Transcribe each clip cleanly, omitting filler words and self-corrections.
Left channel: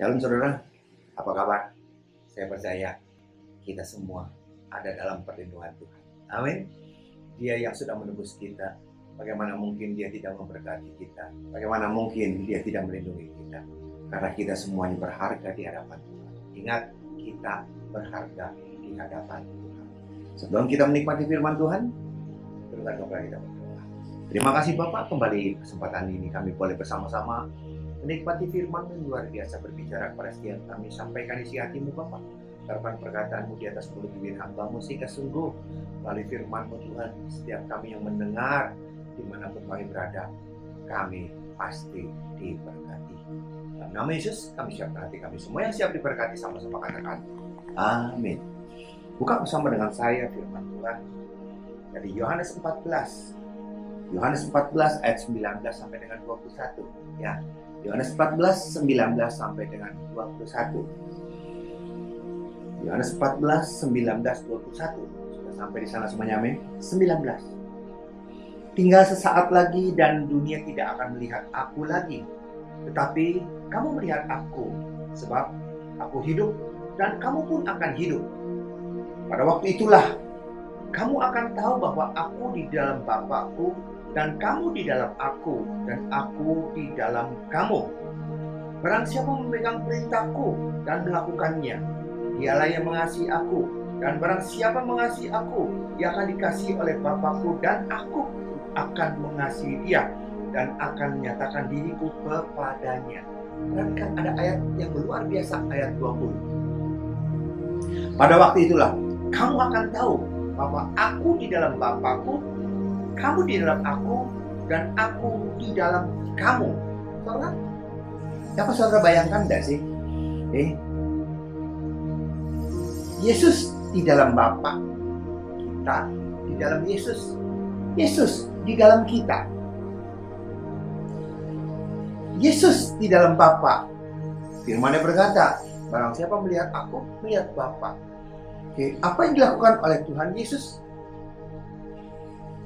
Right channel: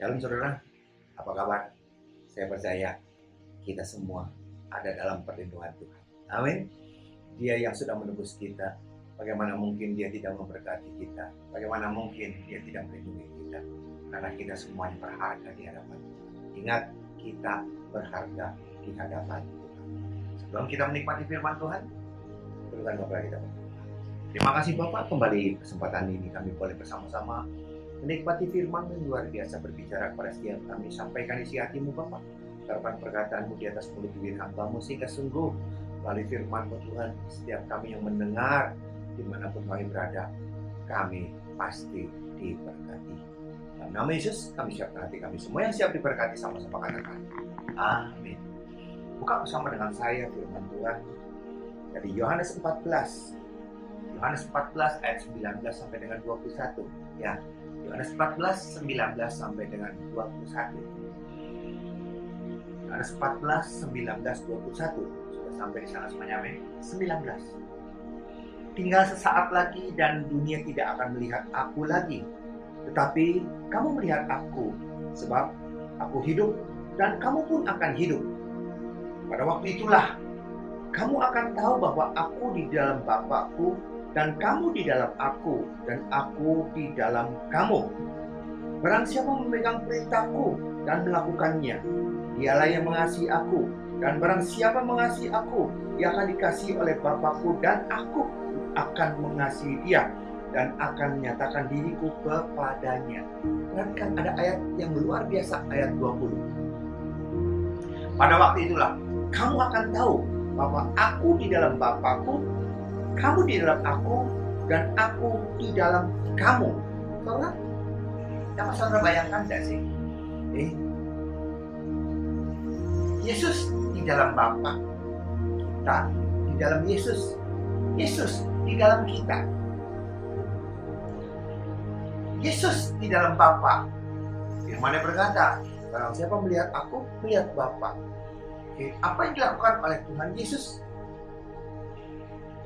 Shalom saudara, apa kabar? Saya percaya kita semua ada dalam perlindungan Tuhan. Amin. Dia yang sudah menebus kita, bagaimana mungkin Dia tidak memberkati kita? Bagaimana mungkin Dia tidak melindungi kita? Karena kita semuanya berharga di hadapan Tuhan. Ingat, kita berharga di hadapan Tuhan. Sebelum kita menikmati firman Tuhan, tundukkan kepala kita berdoa. Terima kasih Bapak, kembali kesempatan ini kami boleh bersama-sama menikmati firman yang luar biasa berbicara kepada setiap kami. Sampaikan isi hatimu Bapak, harapan perkataanmu di atas mulut bibir hambamu, sehingga sungguh melalui firman-Mu Tuhan, setiap kami yang mendengar dimanapun kami berada, kami pasti diberkati. Dalam nama Yesus kami siapkan hati kami. Semua yang siap diberkati sama-sama katakan amin. Buka bersama dengan saya firman Tuhan dari Yohanes 14. Yohanes 14 ayat 19 sampai dengan 21 ya. Yohanes 14, 19 sampai dengan 21. Yohanes 14, 19, 21. Sudah sampai di sana semuanya, amin. 19. Tinggal sesaat lagi dan dunia tidak akan melihat aku lagi. Tetapi kamu melihat aku, sebab aku hidup dan kamu pun akan hidup. Pada waktu itulah kamu akan tahu bahwa aku di dalam Bapa-Ku dan kamu di dalam aku, dan aku di dalam kamu. Barang siapa memegang perintahku dan melakukannya, dialah yang mengasihi aku. Dan barang siapa mengasihi aku, dia akan dikasihi oleh Bapa-Ku, dan aku akan mengasihi dia, dan akan menyatakan diriku kepadanya. Perhatikan ada ayat yang luar biasa, ayat 20. Pada waktu itulah, kamu akan tahu bahwa aku di dalam Bapa-Ku, kamu di dalam aku, dan aku di dalam kamu. Saudara, dapat saudara bayangkan tidak sih? Yesus di dalam Bapa, kita di dalam Yesus. Yesus di dalam kita. Yesus di dalam Bapa. Firman-Nya berkata, barang siapa melihat aku, melihat Bapa. Apa yang dilakukan oleh Tuhan Yesus?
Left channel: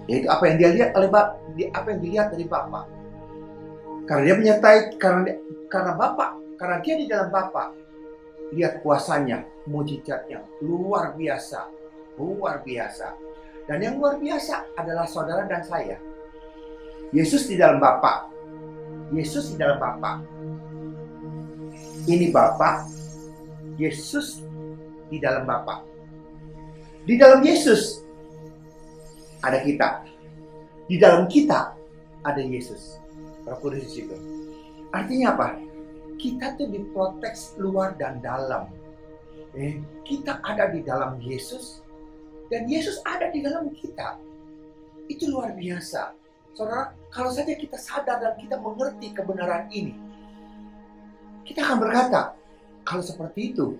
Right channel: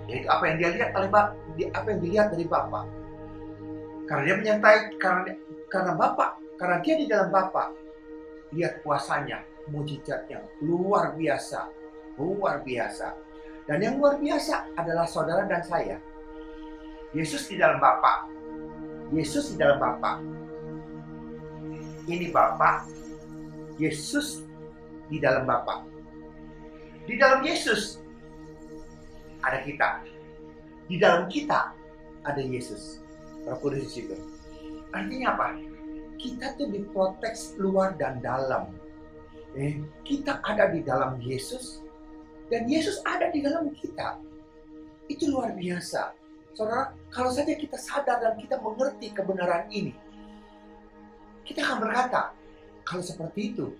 Yaitu apa yang dia lihat oleh apa yang dilihat dari Bapa. Karena dia menyertai, karena Bapa, karena dia di dalam Bapa, lihat kuasanya, mujizatnya luar biasa, luar biasa. Dan yang luar biasa adalah saudara dan saya. Yesus di dalam Bapa, Yesus di dalam Bapa. Ini Bapa, Yesus di dalam Bapa. Di dalam Yesus ada kita. Di dalam kita ada Yesus. Roh Kudus di situ. Artinya apa? Kita tuh diprotek luar dan dalam. Kita ada di dalam Yesus dan Yesus ada di dalam kita. Itu luar biasa. Saudara, kalau saja kita sadar dan kita mengerti kebenaran ini, kita akan berkata, kalau seperti itu,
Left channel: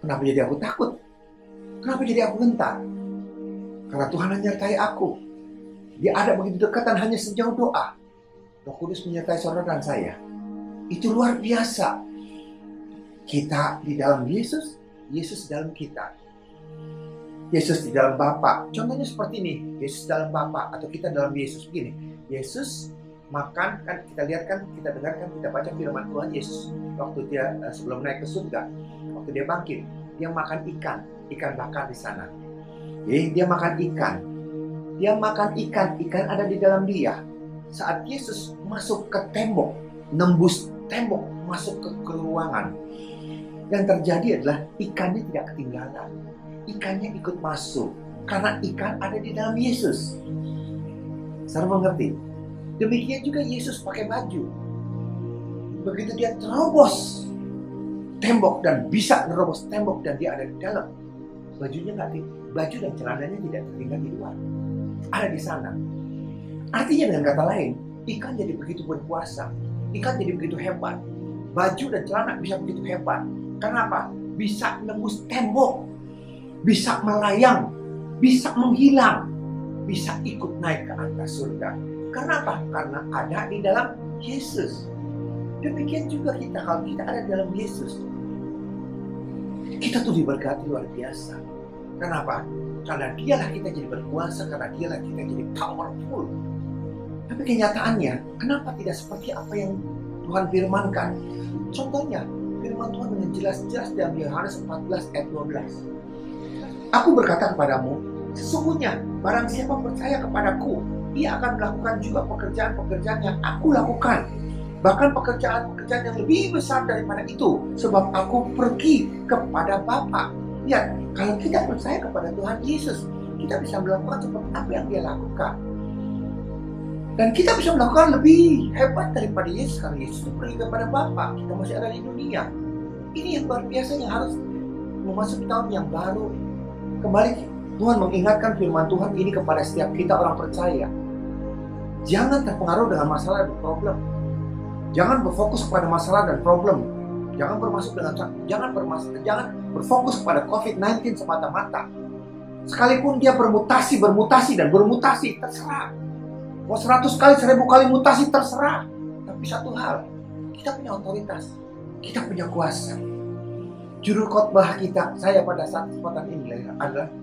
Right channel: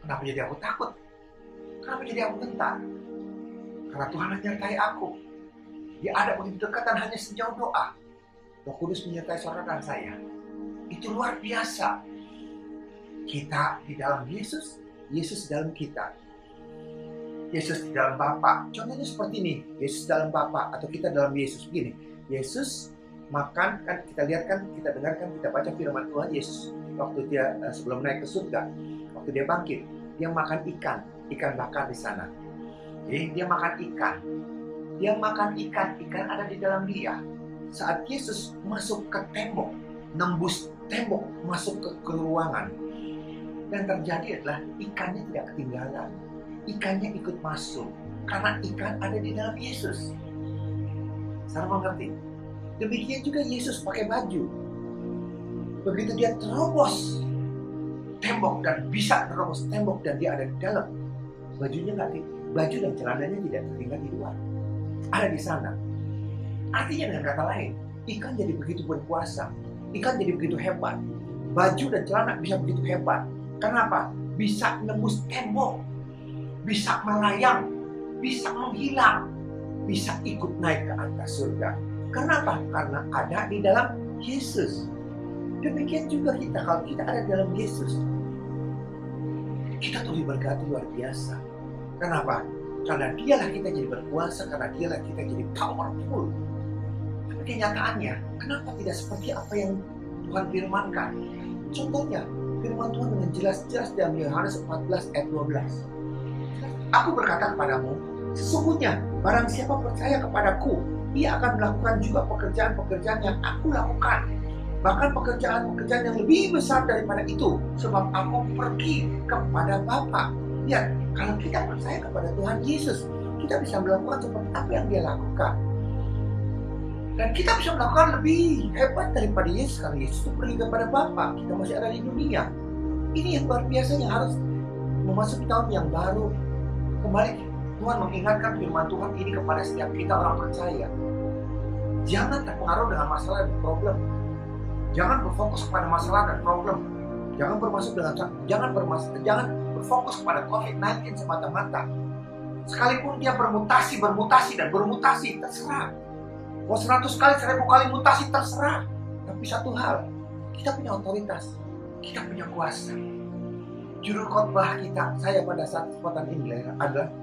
kenapa jadi aku takut? Kenapa jadi aku gentar? Karena Tuhan menyertai aku. Dia ada begitu dekat dan hanya sejauh doa. Roh Kudus menyertai saudara dan saya. Itu luar biasa. Kita di dalam Yesus, Yesus di dalam kita. Yesus di dalam Bapa. Contohnya seperti ini. Yesus dalam Bapa atau kita dalam Yesus. Begini. Yesus makan, kan kita lihat kan, kita dengarkan, kita baca firman Tuhan Yesus. Waktu dia sebelum naik ke surga. Waktu dia bangkit. Dia makan ikan bakar di sana. Dia makan ikan. Dia makan ikan. Ikan ada di dalam dia. Saat Yesus masuk ke tembok, nembus tembok, masuk ke ruangan. Yang terjadi adalah ikannya tidak ketinggalan. Ikannya ikut masuk. Karena ikan ada di dalam Yesus. Saudara mengerti? Demikian juga Yesus pakai baju. Begitu dia terobos tembok dan bisa terobos tembok dan dia ada di dalam. Bajunya baju dan celananya tidak tertinggal di luar. Ada di sana. Artinya dengan kata lain, ikan jadi begitu berkuasa. Ikan jadi begitu hebat. Baju dan celana bisa begitu hebat. Kenapa? Bisa nembus tembok. Bisa melayang. Bisa menghilang. Bisa ikut naik ke atas surga. Kenapa? Karena ada di dalam Yesus. Demikian juga kita, kalau kita ada di dalam Yesus, kita tuh diberkati luar biasa. Kenapa? Karena dialah kita jadi berkuasa, karena dialah kita jadi powerful. Tapi kenyataannya, kenapa tidak seperti apa yang Tuhan firmankan? Contohnya, Firman Tuhan dengan jelas-jelas dalam Yohanes 14 ayat 12. Aku berkata kepadamu, sesungguhnya barang siapa percaya kepadaku, ia akan melakukan juga pekerjaan-pekerjaan yang aku lakukan. Bahkan pekerjaan-pekerjaan yang lebih besar daripada itu, sebab aku pergi kepada Bapa. Lihat, kalau kita percaya kepada Tuhan Yesus, kita bisa melakukan seperti apa yang dia lakukan. Dan kita bisa melakukan lebih hebat daripada Yesus, karena Yesus itu pergi kepada Bapa. Kita masih ada di dunia. Ini yang luar biasa yang harus memasuki tahun yang baru. Kembali Tuhan mengingatkan firman Tuhan ini kepada setiap kita orang percaya. Jangan terpengaruh dengan masalah dan problem. Jangan berfokus kepada masalah dan problem. Jangan berfokus kepada COVID-19 semata-mata. Sekalipun dia bermutasi, terserah. Mau 100 kali, 1000 kali mutasi, terserah. Tapi satu hal, kita punya otoritas, kita punya kuasa. Judul khotbah saya pada saat kesempatan ini adalah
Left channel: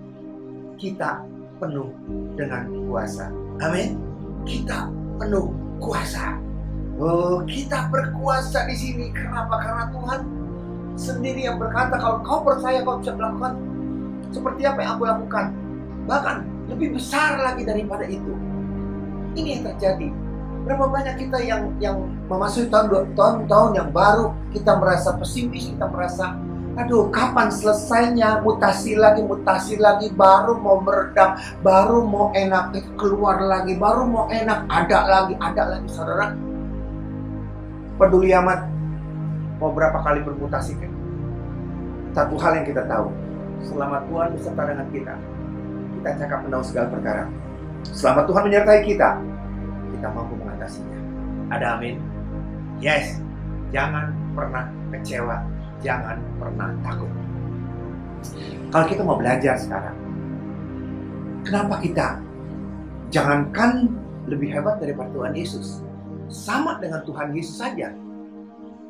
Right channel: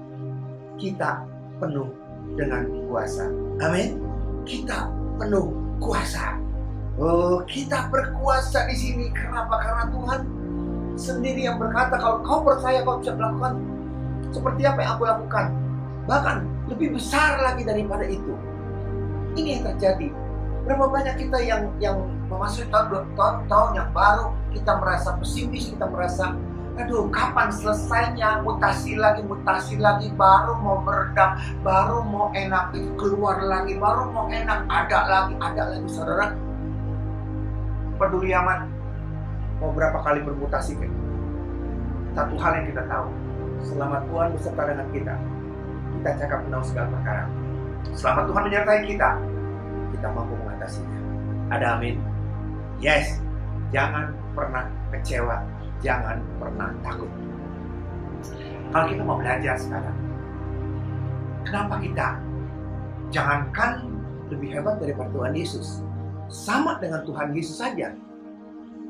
kita penuh dengan kuasa. Amin. Kita penuh kuasa. Oh, kita berkuasa di sini. Kenapa? Karena Tuhan sendiri yang berkata, kalau kau percaya kau bisa melakukan seperti apa yang aku lakukan. Bahkan lebih besar lagi daripada itu. Ini yang terjadi. Berapa banyak kita yang memasuki tahun yang baru, kita merasa pesimis, kita merasa, aduh, kapan selesainya, mutasi lagi, baru mau meredam, baru mau enak, keluar lagi, baru mau enak, ada lagi, saudara. Peduli amat mau berapa kali bermutasi kan? Satu hal yang kita tahu, selama Tuhan beserta dengan kita cakap menahu segala perkara. Selama Tuhan menyertai kita mampu mengatasinya. Ada amin? Yes. Jangan pernah kecewa, jangan pernah takut. Kalau kita mau belajar sekarang, kenapa kita jangankan lebih hebat daripada Tuhan Yesus, sama dengan Tuhan Yesus saja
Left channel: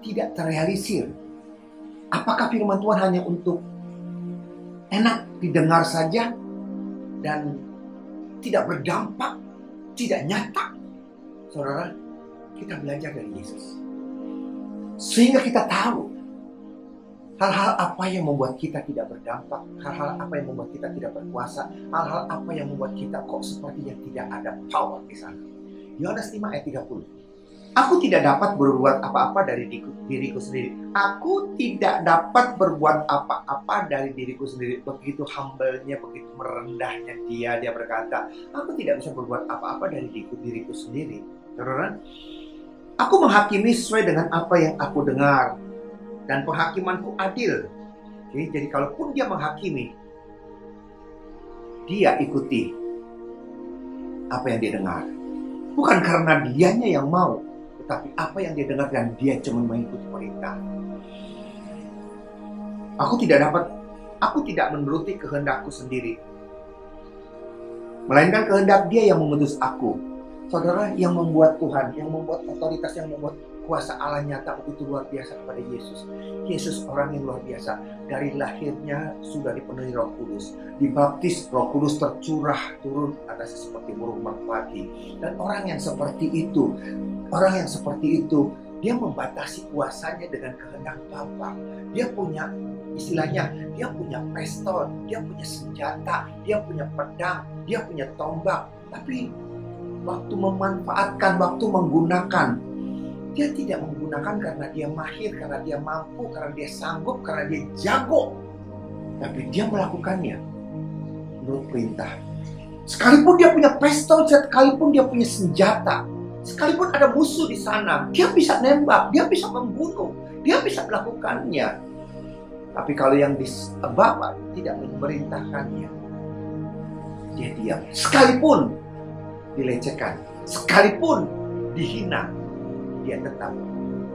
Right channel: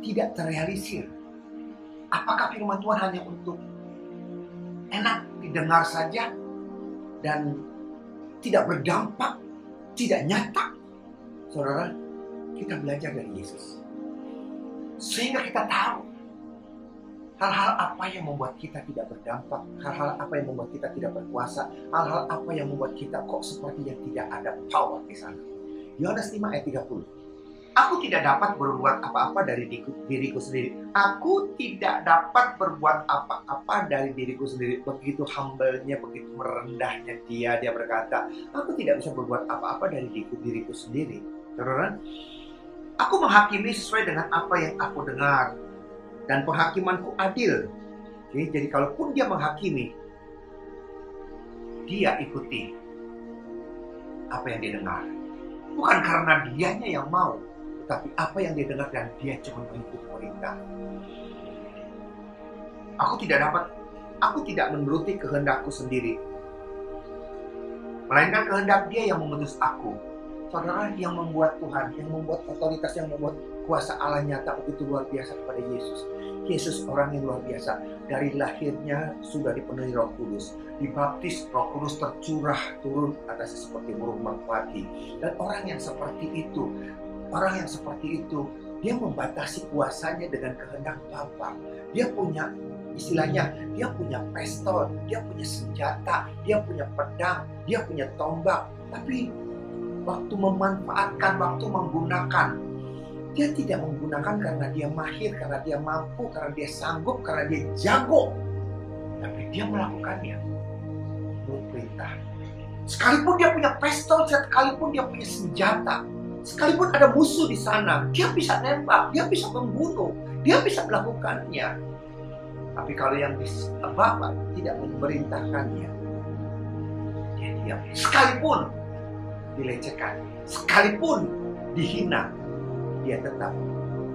tidak terrealisir? Apakah firman Tuhan hanya untuk enak didengar saja dan tidak berdampak, tidak nyata? Saudara, kita belajar dari Yesus sehingga kita tahu hal-hal apa yang membuat kita tidak berdampak, hal-hal apa yang membuat kita tidak berkuasa, hal-hal apa yang membuat kita kok sepertinya tidak ada power di sana. Yohanes 5 ayat 30. Aku tidak dapat berbuat apa-apa dari diriku sendiri. Aku tidak dapat berbuat apa-apa dari diriku sendiri. Begitu humble-nya, begitu merendahnya dia berkata, aku tidak bisa berbuat apa-apa dari diriku sendiri. Saudara, aku menghakimi sesuai dengan apa yang aku dengar, dan penghakimanku adil. Jadi kalaupun dia menghakimi, dia ikuti apa yang dia dengar. Bukan karena dianya yang mau, tetapi apa yang dia dengar dan dia cuma mengikuti perintah. Aku tidak menuruti kehendakku sendiri, melainkan kehendak dia yang mengutus aku. Saudara, yang membuat Tuhan, yang membuat otoritas, yang membuat kuasa Allah nyata begitu luar biasa kepada Yesus. Yesus orang yang luar biasa. Dari lahirnya sudah dipenuhi Roh Kudus. Dibaptis, Roh Kudus tercurah turun atasnya seperti burung merpati. Dan orang yang seperti itu, dia membatasi kuasanya dengan kehendak Bapa. Dia punya, istilahnya, dia punya pistol, dia punya senjata, dia punya pedang, dia punya tombak. Tapi waktu memanfaatkan, waktu menggunakan, dia tidak menggunakan karena dia mahir, karena dia mampu, karena dia sanggup, karena dia jago. Tapi dia melakukannya menurut perintah. Sekalipun dia punya pistol, sekalipun dia punya senjata, sekalipun ada musuh di sana, dia bisa nembak, dia bisa membunuh, dia bisa melakukannya. Tapi kalau yang Bapa tidak memerintahkannya, dia diam. Sekalipun dilecehkan, sekalipun dihina, dia tetap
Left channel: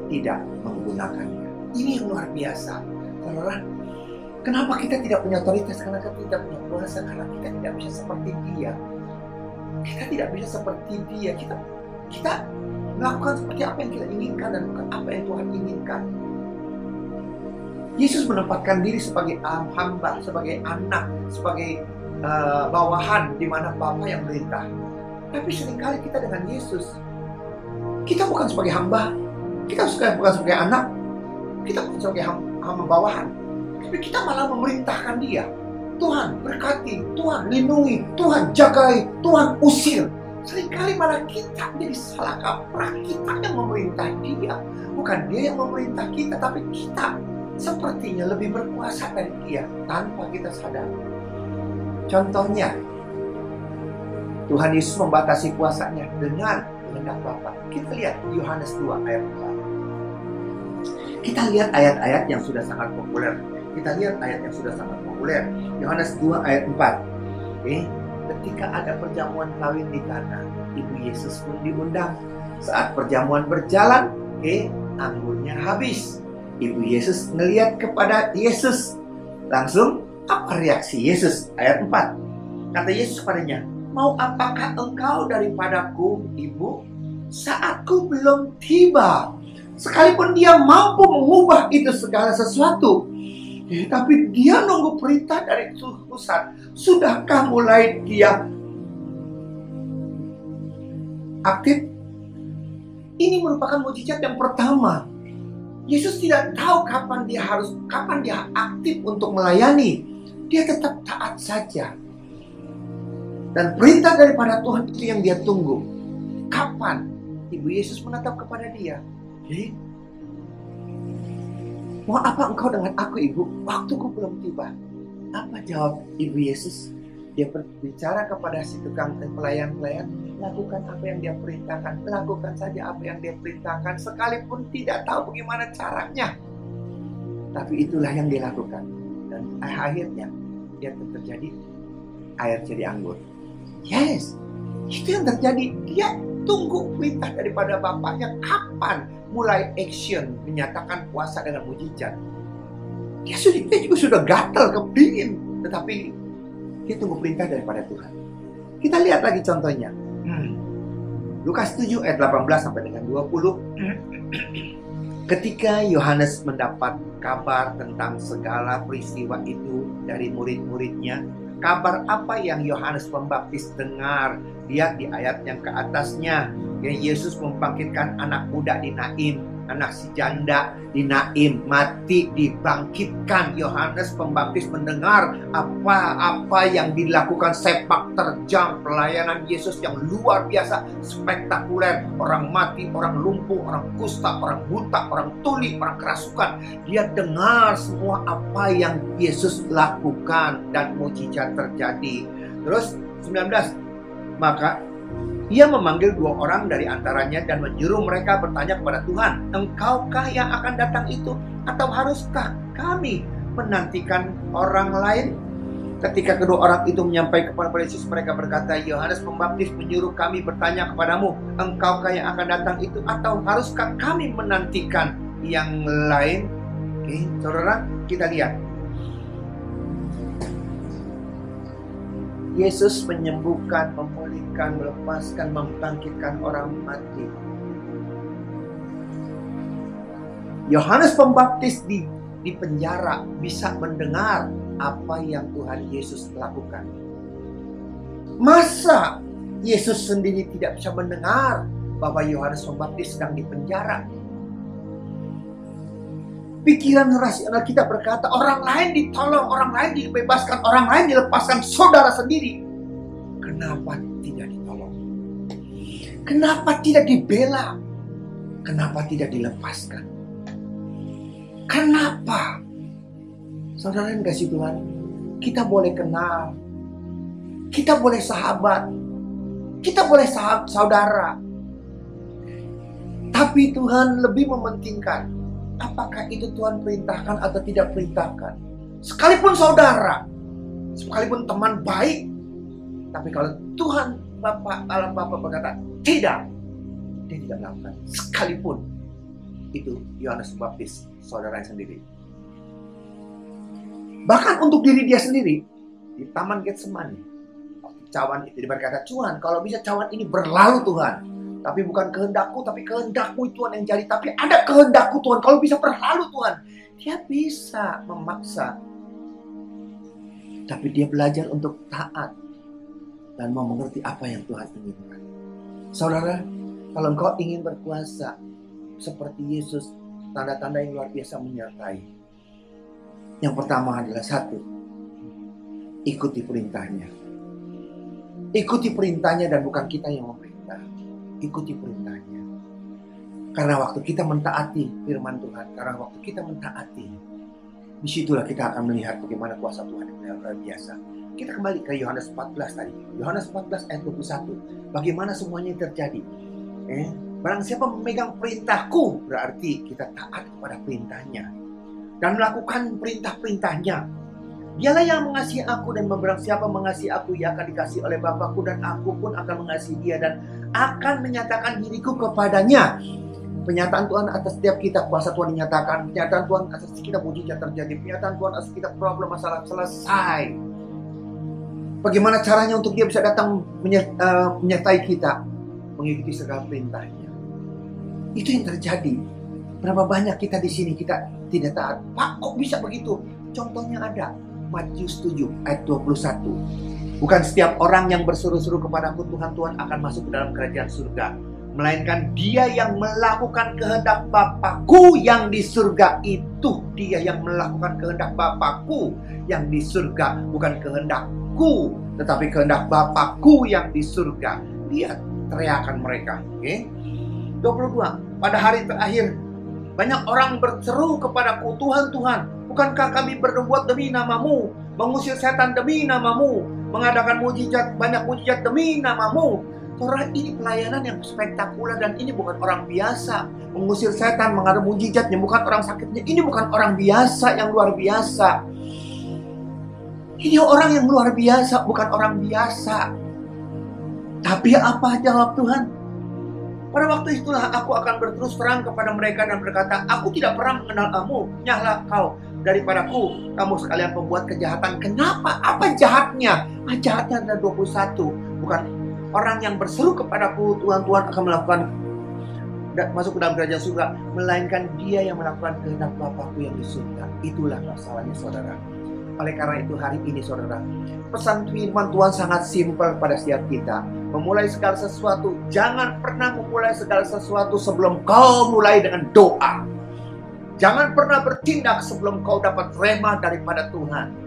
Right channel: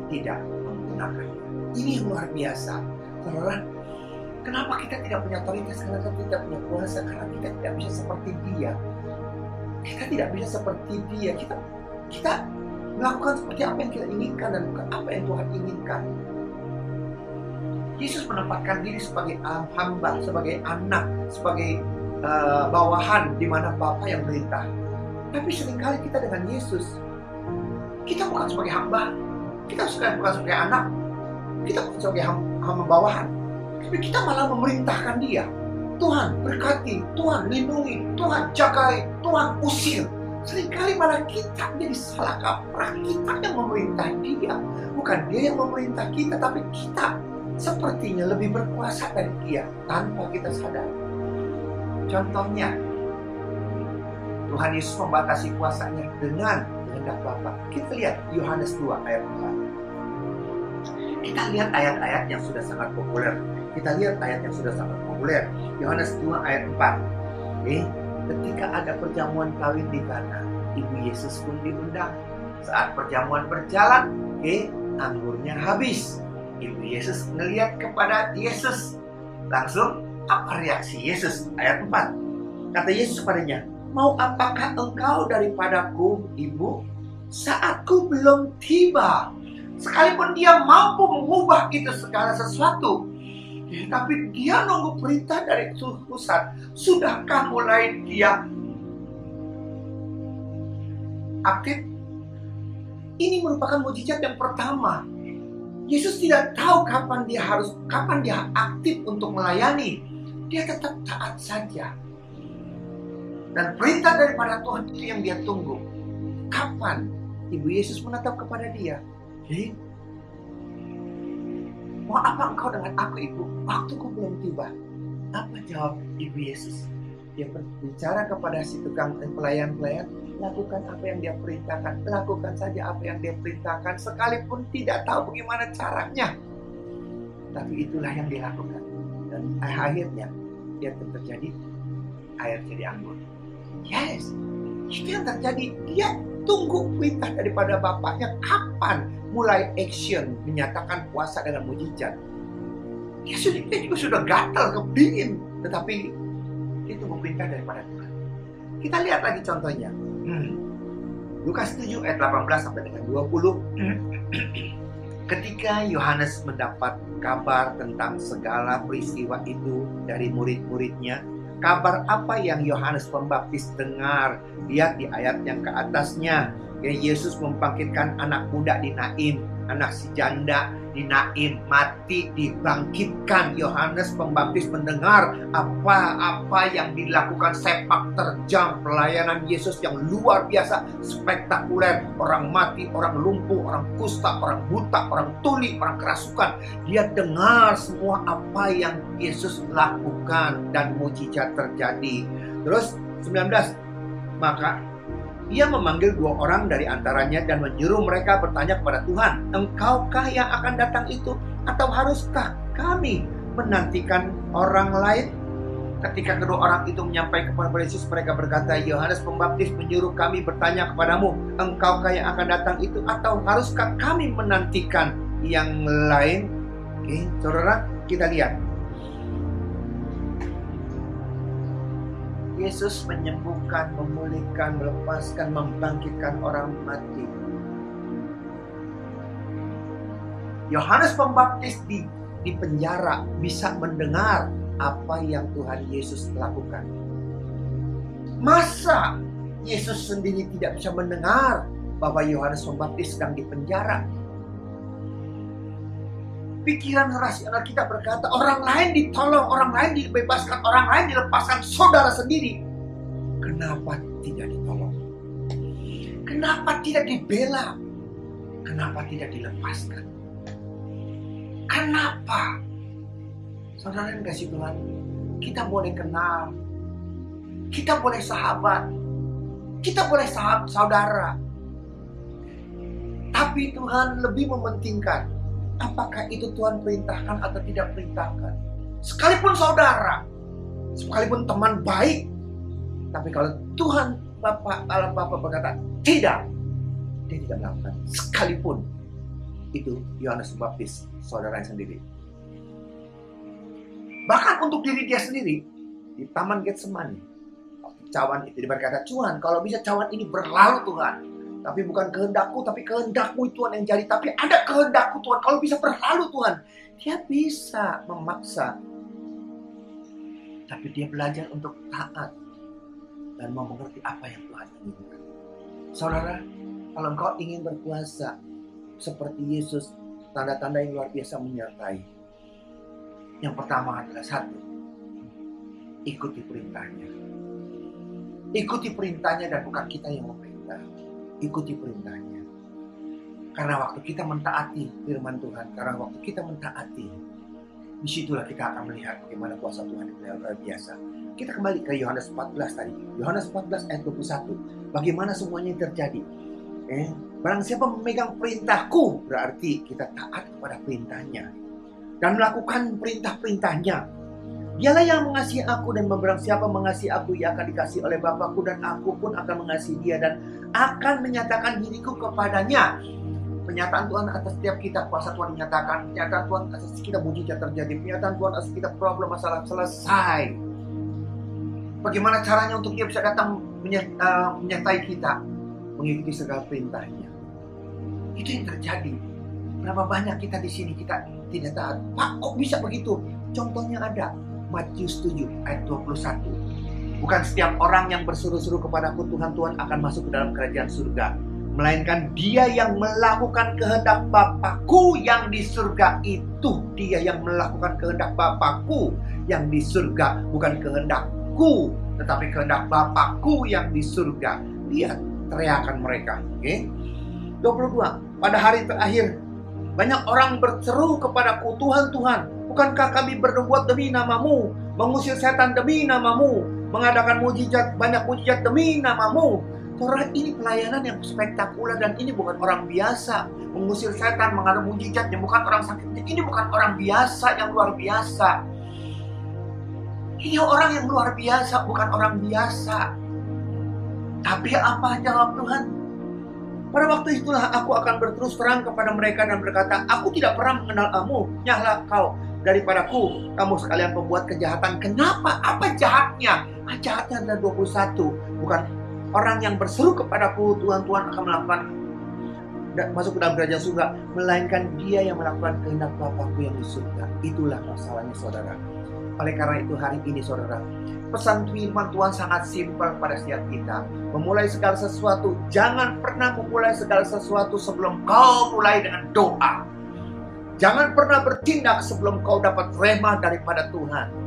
tidak menggunakannya. Ini yang luar biasa. Saudara, kenapa kita tidak punya otoritas? Karena kita tidak punya kuasa. Karena kita tidak bisa seperti dia. Kita tidak bisa seperti dia. Kita melakukan seperti apa yang kita inginkan dan bukan apa yang Tuhan inginkan. Yesus menempatkan diri sebagai hamba, sebagai anak, sebagai bawahan di mana Bapa yang merintah. Tapi seringkali kita dengan Yesus, kita bukan sebagai hamba, kita bukan sebagai anak, Kita bukan sebagai hamba bawahan, tapi kita malah memerintahkan dia. Tuhan berkati, Tuhan lindungi, Tuhan jagai, Tuhan usir. Seringkali malah kita jadi salah kaprah. Kita yang memerintah dia, bukan dia yang memerintah kita, tapi kita sepertinya lebih berkuasa dari dia tanpa kita sadar. Contohnya, Tuhan Yesus membatasi kuasanya dengan kehendak Bapa. Kita lihat Yohanes 2 ayat 4. Kita lihat ayat-ayat yang sudah sangat populer. Yohanes 2 ayat 4. Ketika ada perjamuan kawin di Kana, Ibu Yesus pun diundang. Saat perjamuan berjalan, anggurnya habis. Ibu Yesus ngelihat kepada Yesus. Langsung, apa reaksi Yesus? Ayat 4. Kata Yesus kepadanya, "Mau apakah engkau daripadaku, Ibu? Saatku belum tiba." Sekalipun dia mampu mengubah itu segala sesuatu, tapi dia nunggu perintah dari pusat. Sudahkah mulai dia aktif? Ini merupakan mukjizat yang pertama. Yesus tidak tahu kapan dia aktif untuk melayani. Dia tetap taat saja. Dan perintah daripada Tuhan itu yang dia tunggu. Kapan Ibu Yesus menatap kepada dia? "Mau apa engkau dengan aku, Ibu? Waktuku belum tiba." Apa jawab Ibu Yesus? Dia berbicara kepada si tukang pelayan-pelayan, lakukan apa yang dia perintahkan. Lakukan saja apa yang dia perintahkan, sekalipun tidak tahu bagaimana caranya. Tapi itulah yang dilakukan. Dan akhirnya, dia terjadi air jadi anggur. Yes, itu yang terjadi. Dia tunggu perintah daripada bapaknya kapan mulai action menyatakan puasa dengan mujizat. Dia juga sudah gatal kepingin, tetapi dia tunggu perintah daripada Tuhan. Kita lihat lagi contohnya. Lukas 7 ayat 18 sampai dengan 20. Ketika Yohanes mendapat kabar tentang segala peristiwa itu dari murid-muridnya, kabar apa yang Yohanes Pembaptis dengar? Lihat di ayat yang ke atasnya. Yesus membangkitkan anak muda di Naim, anak si janda di Naim, mati dibangkitkan. Yohanes Pembaptis mendengar apa yang dilakukan, sepak terjang pelayanan Yesus yang luar biasa, spektakuler. Orang mati, orang lumpuh, orang kusta, orang buta, orang tuli, orang kerasukan. Dia dengar semua apa yang Yesus lakukan dan mujizat terjadi. Terus 19, maka ia memanggil 2 orang dari antaranya dan menyuruh mereka bertanya kepada Tuhan, "Engkaukah yang akan datang itu? Atau haruskah kami menantikan orang lain?" Ketika kedua orang itu menyampaikan kepada Yesus, mereka berkata, "Yohanes Pembaptis menyuruh kami bertanya kepadamu, engkaukah yang akan datang itu? Atau haruskah kami menantikan yang lain?" Oke, saudara, kita lihat. Yesus menyembuhkan, memulihkan, melepaskan, membangkitkan orang mati. Yohanes Pembaptis di penjara bisa mendengar apa yang Tuhan Yesus lakukan. Masa Yesus sendiri tidak bisa mendengar bahwa Yohanes Pembaptis sedang di penjara? Pikiran rasional kita berkata, orang lain ditolong, orang lain dibebaskan, orang lain dilepaskan, saudara sendiri. Kenapa tidak ditolong? Kenapa tidak dibela? Kenapa tidak dilepaskan? Kenapa? Saudara yang kasih Tuhan, kita boleh kenal, kita boleh sahabat, kita boleh saudara. Tapi Tuhan lebih mementingkan apakah itu Tuhan perintahkan atau tidak perintahkan. Sekalipun saudara, sekalipun teman baik, tapi kalau Tuhan alam Bapa berkata tidak, dia tidak melakukan. Sekalipun itu Yohanes Pembaptis, saudaranya sendiri. Bahkan untuk diri dia sendiri, di Taman Getsemani, cawan itu dia berkata, "Tuhan, kalau bisa cawan ini berlalu Tuhan. Tapi bukan kehendakku, tapi kehendakmu Tuhan yang jadi. Tapi ada kehendakku Tuhan, kalau bisa berlalu Tuhan." Dia bisa memaksa. Tapi dia belajar untuk taat dan mau mengerti apa yang Tuhan inginkan. Saudara, kalau engkau ingin berkuasa seperti Yesus, tanda-tanda yang luar biasa menyertai. Yang pertama adalah satu, ikuti perintahnya. Ikuti perintahnya dan bukan kita yang memerintah. Ikuti perintahnya. Karena waktu kita mentaati firman Tuhan, karena waktu kita mentaati, disitulah kita akan melihat bagaimana kuasa Tuhan yang luar biasa. Kita kembali ke Yohanes 14 tadi. Yohanes 14 ayat 21. Bagaimana semuanya terjadi? Barang siapa memegang perintahku, berarti kita taat kepada perintahnya dan melakukan perintah-perintahnya. Dialah yang mengasihi aku, dan barang siapa mengasihi aku, ia akan dikasihi oleh Bapakku, dan aku pun akan mengasihi dia dan akan menyatakan diriku kepadanya. Penyataan Tuhan atas setiap kita, kuasa Tuhan dinyatakan. Penyataan Tuhan atas kita, mujizat terjadi. Penyataan Tuhan atas kita, problem masalah selesai. Bagaimana caranya untuk dia bisa datang menyertai kita? Mengikuti segala perintahnya. Itu yang terjadi. Berapa banyak kita di sini kita tidak taat. Pak, kok bisa begitu? Contohnya ada. Matius 7 ayat 21. Bukan setiap orang yang berseru-seru kepadaku Tuhan, Tuhan akan masuk ke dalam kerajaan surga, melainkan dia yang melakukan kehendak Bapakku yang di surga. Itu dia yang melakukan kehendak Bapakku yang di surga. Bukan kehendakku, tetapi kehendak Bapakku yang di surga. Lihat teriakan mereka. 22. Pada hari terakhir, banyak orang berseru kepadaku, Tuhan, Tuhan, bukankah kami berbuat demi namamu, mengusir setan demi namamu, mengadakan mujizat, banyak mujizat demi namamu? Saudara, ini pelayanan yang spektakuler dan ini bukan orang biasa. Mengusir setan, mengadakan mujizatnya, bukan orang sakitnya. Ini bukan orang biasa yang luar biasa. Ini orang yang luar biasa, bukan orang biasa. Tapi apa jawab Tuhan? Pada waktu itulah aku akan berterus terang kepada mereka dan berkata, aku tidak pernah mengenal kamu, nyahlah kau daripadaku, kamu sekalian pembuat kejahatan. Kenapa? Apa jahatnya? Jahatnya ada 21. Bukan orang yang berseru kepadaku, Tuhan, Tuhan akan melakukan masuk ke dalam kerajaan surga, melainkan dia yang melakukan kehendak Bapakku yang di surga. Itulah masalahnya, saudara. Oleh karena itu hari ini, saudara, pesan firman Tuhan sangat simpel pada setiap kita. Memulai segala sesuatu, jangan pernah memulai segala sesuatu sebelum kau mulai dengan doa. Jangan pernah bertindak sebelum kau dapat rema daripada Tuhan.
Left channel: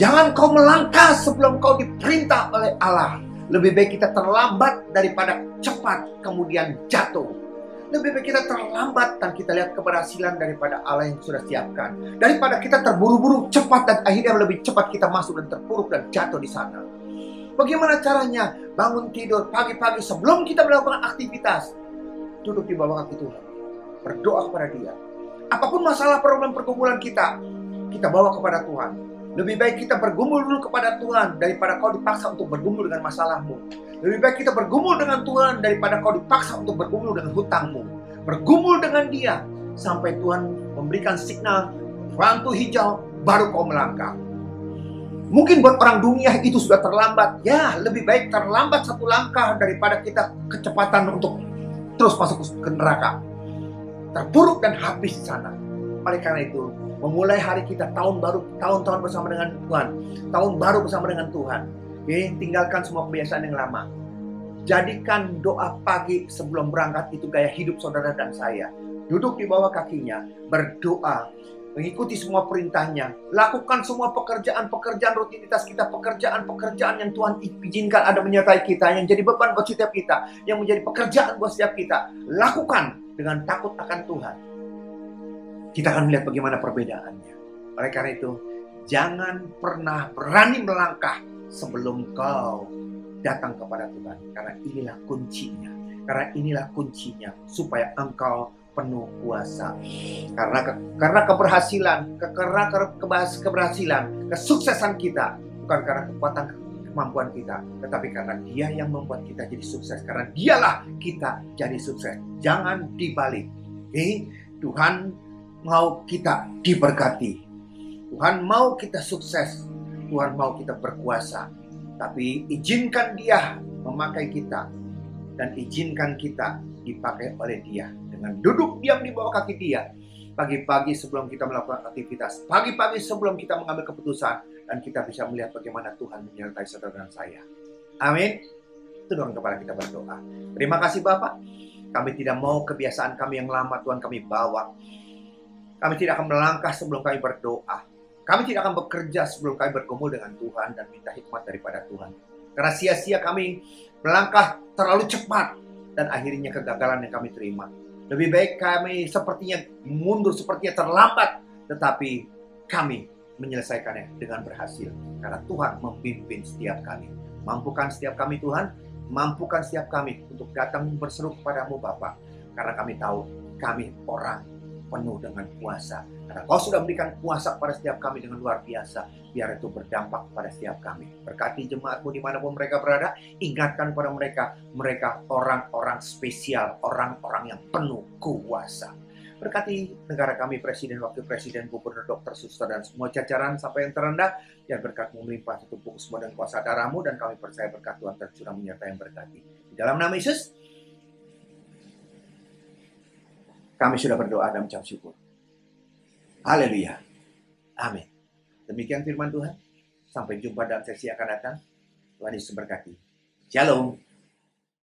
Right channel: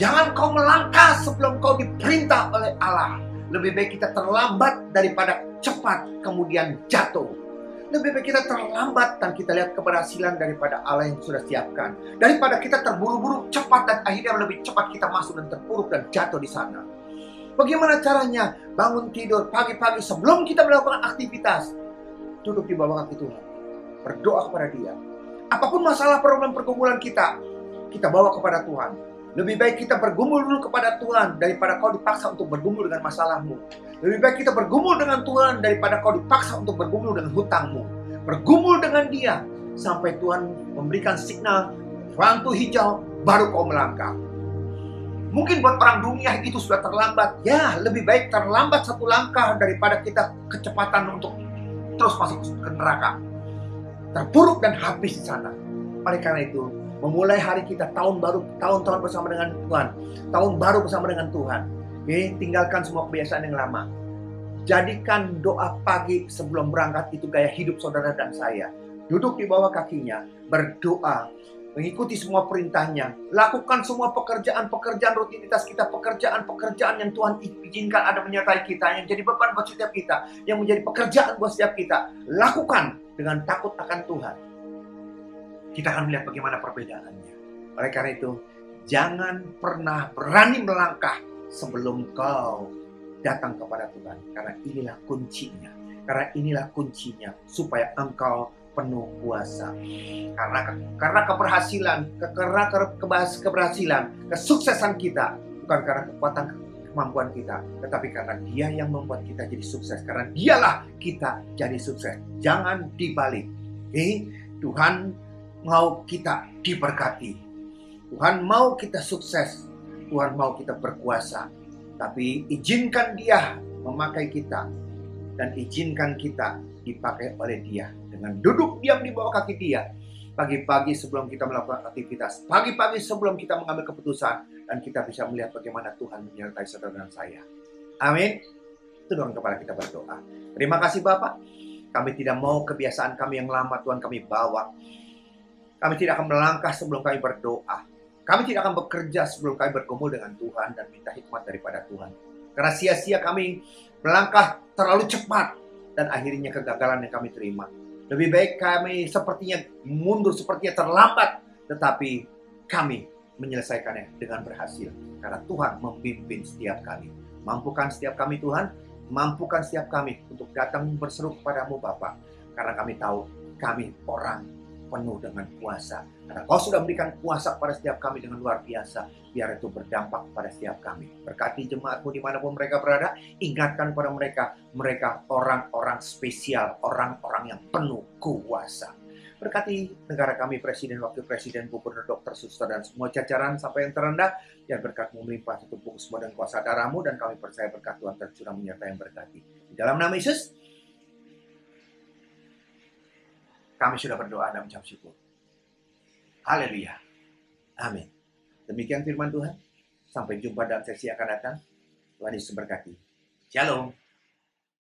Jangan kau melangkah sebelum kau diperintah oleh Allah. Lebih baik kita terlambat daripada cepat kemudian jatuh. Lebih baik kita terlambat dan kita lihat keberhasilan daripada Allah yang sudah siapkan. Daripada kita terburu-buru cepat dan akhirnya lebih cepat kita masuk dan terpuruk dan jatuh di sana. Bagaimana caranya? Bangun tidur pagi-pagi sebelum kita melakukan aktivitas, duduk di bawah kaki Tuhan, berdoa kepada Dia. Apapun masalah problem pergumulan kita bawa kepada Tuhan. Lebih baik kita bergumul dulu kepada Tuhan daripada kau dipaksa untuk bergumul dengan masalahmu. Lebih baik kita bergumul dengan Tuhan daripada kau dipaksa untuk bergumul dengan hutangmu. Bergumul dengan Dia sampai Tuhan memberikan signal lampu hijau, baru kau melangkah. Mungkin buat orang dunia itu sudah terlambat. Ya, lebih baik terlambat satu langkah daripada kita kecepatan untuk terus masuk ke neraka, terpuruk dan habis di sana. Oleh karena itu, memulai hari kita, tahun baru, tahun-tahun bersama dengan Tuhan, tahun baru bersama dengan Tuhan. Tinggalkan semua kebiasaan yang lama. Jadikan doa pagi sebelum berangkat itu gaya hidup saudara dan saya. Duduk di bawah kakinya, berdoa, mengikuti semua perintahnya, lakukan semua pekerjaan-pekerjaan rutinitas kita, pekerjaan-pekerjaan yang Tuhan izinkan ada menyertai kita, yang jadi beban buat setiap kita, yang menjadi pekerjaan buat setiap kita. Lakukan dengan takut akan Tuhan. Kita akan melihat bagaimana perbedaannya. Oleh karena itu, jangan pernah berani melangkah sebelum kau datang kepada Tuhan. Karena inilah kuncinya. Karena inilah kuncinya supaya engkau penuh kuasa. Karena keberhasilan, keberhasilan, kesuksesan kita bukan karena kekuatan kemampuan kita, tetapi karena Dia yang membuat kita jadi sukses. Karena Dialah kita jadi sukses. Jangan dibalik. Tuhan mau kita diberkati. Tuhan mau kita sukses. Tuhan mau kita berkuasa. Tapi izinkan Dia memakai kita. Dan izinkan kita dipakai oleh Dia. Dengan duduk diam di bawah kaki Dia. Pagi-pagi sebelum kita melakukan aktivitas. Pagi-pagi sebelum kita mengambil keputusan. Dan kita bisa melihat bagaimana Tuhan menyertai saudara dan saya. Amin. Tundukkan kepala kita berdoa. Terima kasih Bapak. Kami tidak mau kebiasaan kami yang lama Tuhan kami bawa. Kami tidak akan melangkah sebelum kami berdoa. Kami tidak akan bekerja sebelum kami bergumul dengan Tuhan dan minta hikmat daripada Tuhan. Karena sia-sia kami melangkah terlalu cepat dan akhirnya kegagalan yang kami terima. Lebih baik kami sepertinya mundur, sepertinya terlambat, tetapi kami menyelesaikannya dengan berhasil. Karena Tuhan memimpin setiap kami. Mampukan setiap kami Tuhan, mampukan setiap kami untuk datang berseru kepadamu Bapa. Karena kami tahu kami orang penuh dengan kuasa. Karena Kau sudah memberikan kuasa kepada setiap kami dengan luar biasa. Biar itu berdampak pada setiap kami. Berkati jemaat-Mu dimanapun mereka berada. Ingatkan kepada mereka orang-orang spesial, orang-orang yang penuh kuasa. Berkati negara kami, Presiden, Wakil Presiden, Gubernur, Dokter, Suster, dan semua jajaran sampai yang terendah. Biar berkat-Mu melimpah setumpuk semua dan kuasa darah-Mu. Dan kami percaya berkat Tuhan tercurah menyertai yang berkati. Di dalam nama Yesus, kami sudah berdoa dan mengucap syukur. Haleluya. Amin. Demikian firman Tuhan. Sampai jumpa dalam sesi akan datang. Tuhan Yesus berkati. Shalom.